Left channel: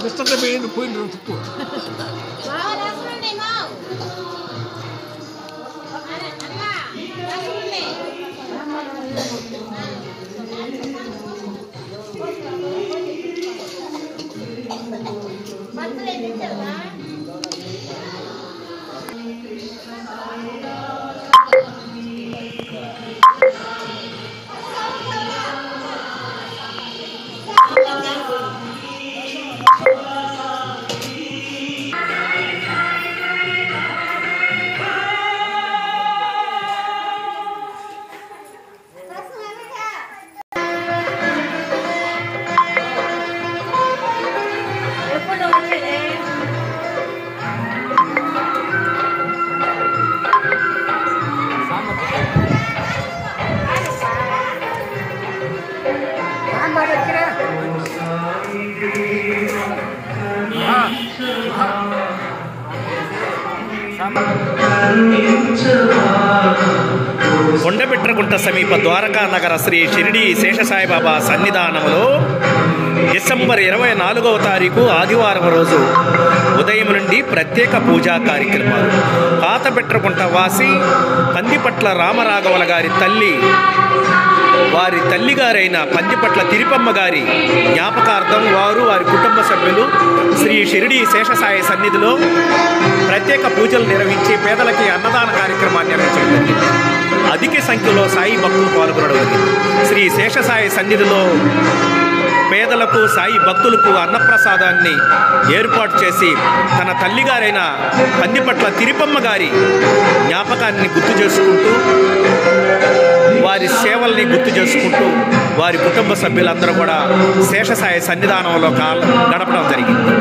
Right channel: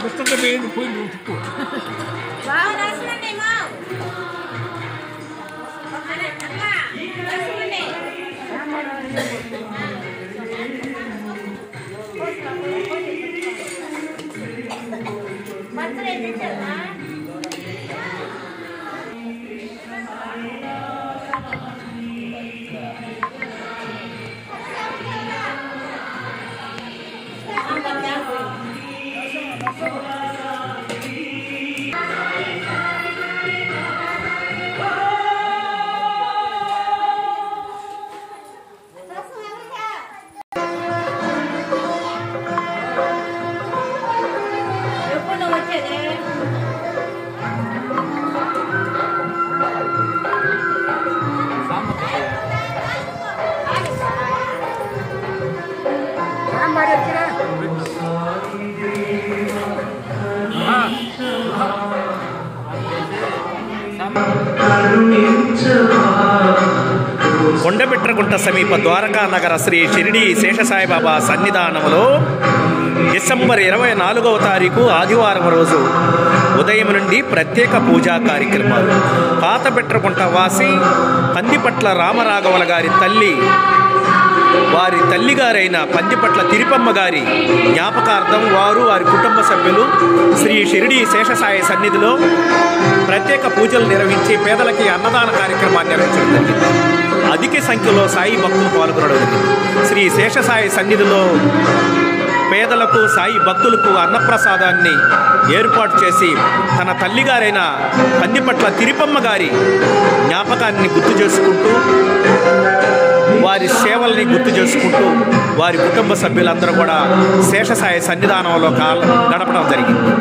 Gusto ko din po yung tipo. Wow, nasa na ni Mau. Ana, apa? Nasa na ni. Matre de chana. Kondabitragunta సమీప ద్వారకా నగర శ్రీ షిరిడి శేషసాయిబాబా సన్నిధానంలో December 24వ తారీఖు ఆదివారం రోజు ఉదయం నుండి ప్రత్యేక పూజా కార్యక్రమాలు. పాతబిట్రగుంట వాసి పందిపట్ల రామరాఘవల గారి తల్లి, వారి తల్లిగారైన పందిపట్ల తిరుపమ్మ గారి జ్ఞాపకార్థం వారు వారి కుటుంబ సభ్యులు శ్రీ షిరిడి శేషసాయి సన్నిధిలో ప్రత్యేక పూజలు నిర్వహించి పేదలకి అన్నదాన కార్యక్రమాన్ని నిర్వహించడం జరిగింది. అధిక సంఖ్యలో సాయి భక్తులు పాల్గొనడం జరిగింది. శ్రీ శేషసాయి సన్నిధిలో పేదలకు, సాయి భక్తులకు అన్నప్రసాదాన్ని ఏర్పాటు చేసి తన తల్లిగారైన పందిపట్ల తిరుపమ్మ గారి జ్ఞాపకాన్ని గుర్తు చేసుకుంటూ, వారి సేవల్ని గుర్తు చేసుకుంటూ వారి కుటుంబ సభ్యులందరూ కూడా శేషసాయి సన్నిధానంలో గడపడం జరిగింది.